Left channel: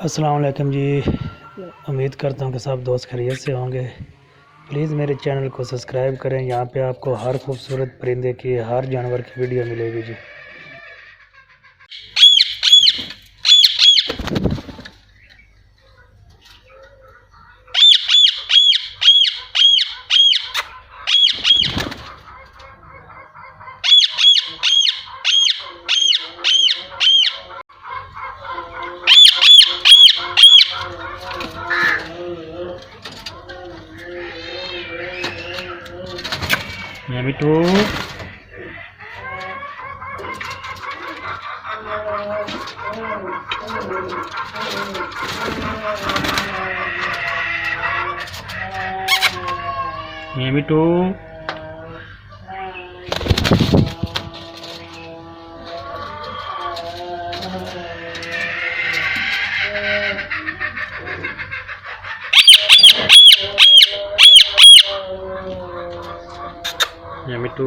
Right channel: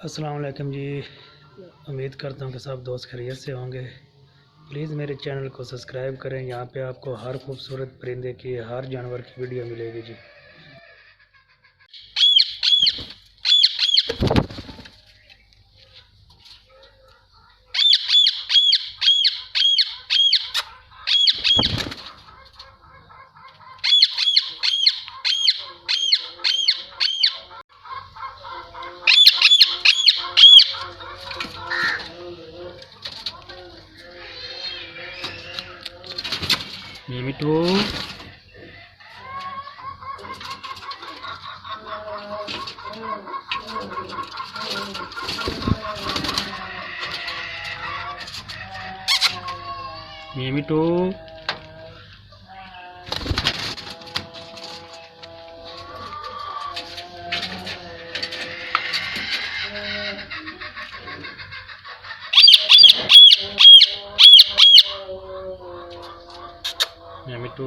अस्सलाम वालेकुम जी। उम्मीद करता हूँ कि सब दोस्त खैरियत से होंगे। प्लीज़ मेरे चैनल को सब्सक्राइब करें। यहाँ पे आपको हर खूबसूरत परिंदे की, हर जानवर की वीडियो मिलेगी जी। मिट्टू मिट्टू मिट्टू